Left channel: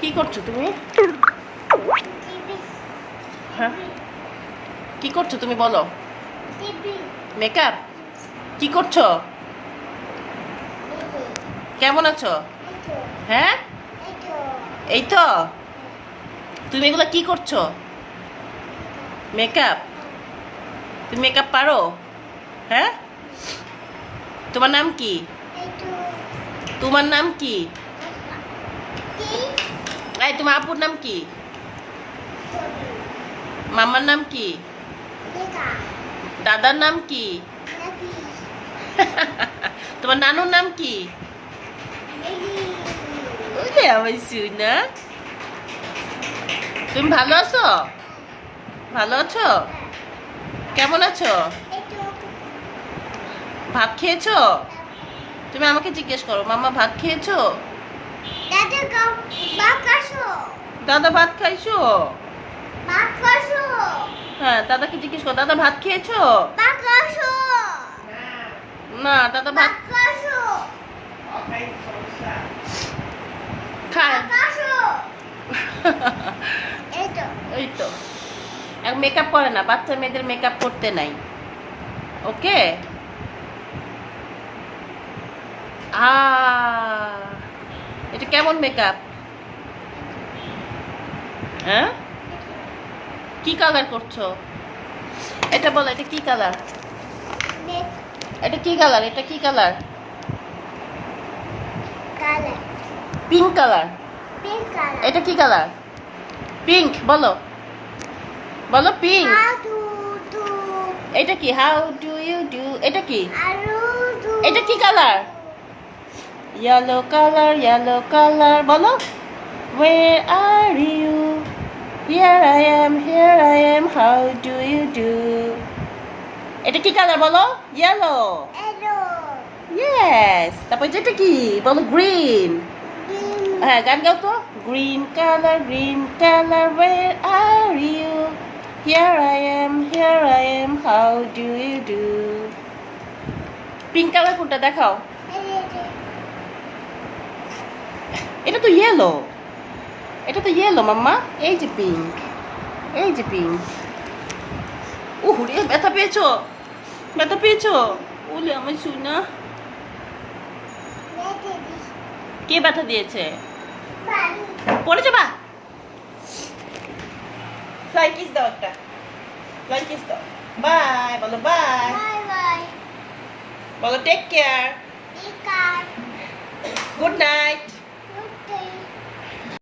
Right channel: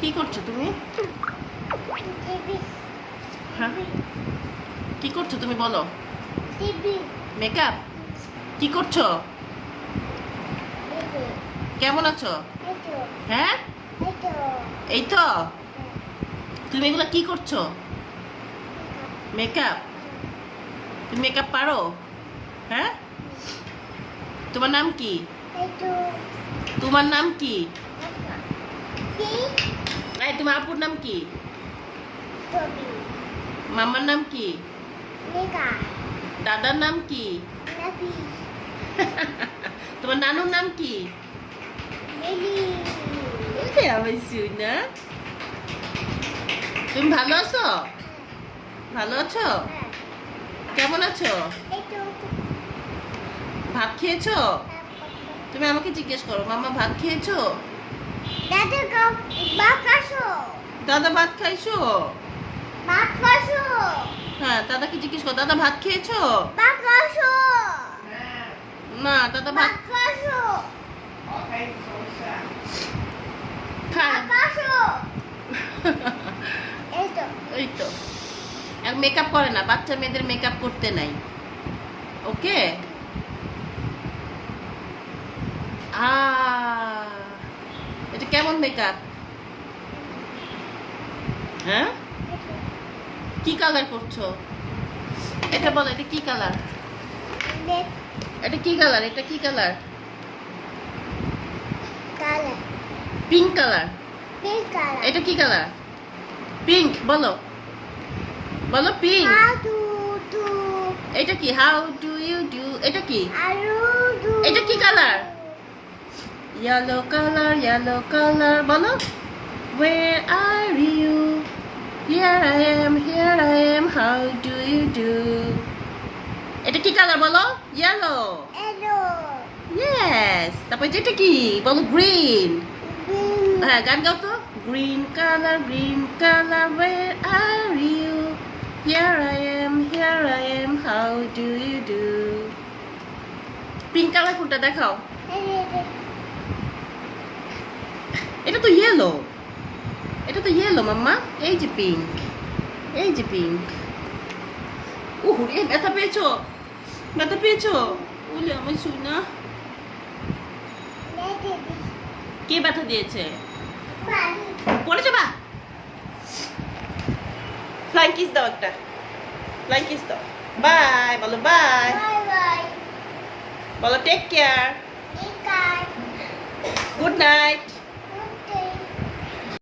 কি করছো তুমি? হ্যাঁ, কি করছো তুমি বলো? মেকআপ? কি করছো? কেমন আছো? হ্যাঁ, এই তো। তুমি এগুলা কি করছো? মেকআপ? তুমি মেকআপ পারো? হ্যাঁ, তোমার নাম কি? তোমার নাম কি? এই তোমার আপুর নাম কি? মামার নাম কি? দাদার নাম কি? তোমার নানুর নাম কি? আমার সোনা, তুমি ভালো আছো? ভালো আছো? কেমন আছো? ভাত খেয়েছো? তুমি আমাকে জিজ্ঞেস করো, মামা ভাত খেয়েছো? দাদা ভাত খাইছো? হ্যাঁ, দাদাকে জিজ্ঞেস করো, দাদা ভাত খেয়েছো? না, দাদা ভাত খায়। এই তো, এক মেকআপ করে না, বাচ্চা মেয়েদের মেকআপ করতে নাই। ওকে। এটা কেমন মেকআপ? হ্যাঁ, কি কালার করছো? এটা বলো, এটা কি কালার? এটা কি কালার? এটা কি কালার? Pink colour. এটা কি কালার? পিঙ্ক। বলো, বলো পিঙ্ক। এটা কি? How do you do? এটা কি? এটা কি colour? Yellow colour, yellow colour. বলো, where are you? Here I am, how do you do? এটা কি কালার বলো? ইয়েলো। ইয়েস। তারপর এটা কি বলো? গ্রিন। হ্যাঁ, গান গাও তো। Green colour, where are you? Here I am, how do you do? Pink colour কোনটা দেখাও? এটা তো ইয়েলো। এটা তো ইয়েলো মাম্মা। এই যে পিঙ্ক, এই যে পিঙ্ক। রে, ব্যথা পেয়েছো? ব্যথা পেয়েছো? ওলে আমার সোনা। কে ব্যথা দিয়েছে? পড়ে যাবা। ফ্লাই কিস দাও একটা। ফ্লাই কিস দাও। বাই বলো, বাই বলো, টেক কেয়ার, গুড নাইট।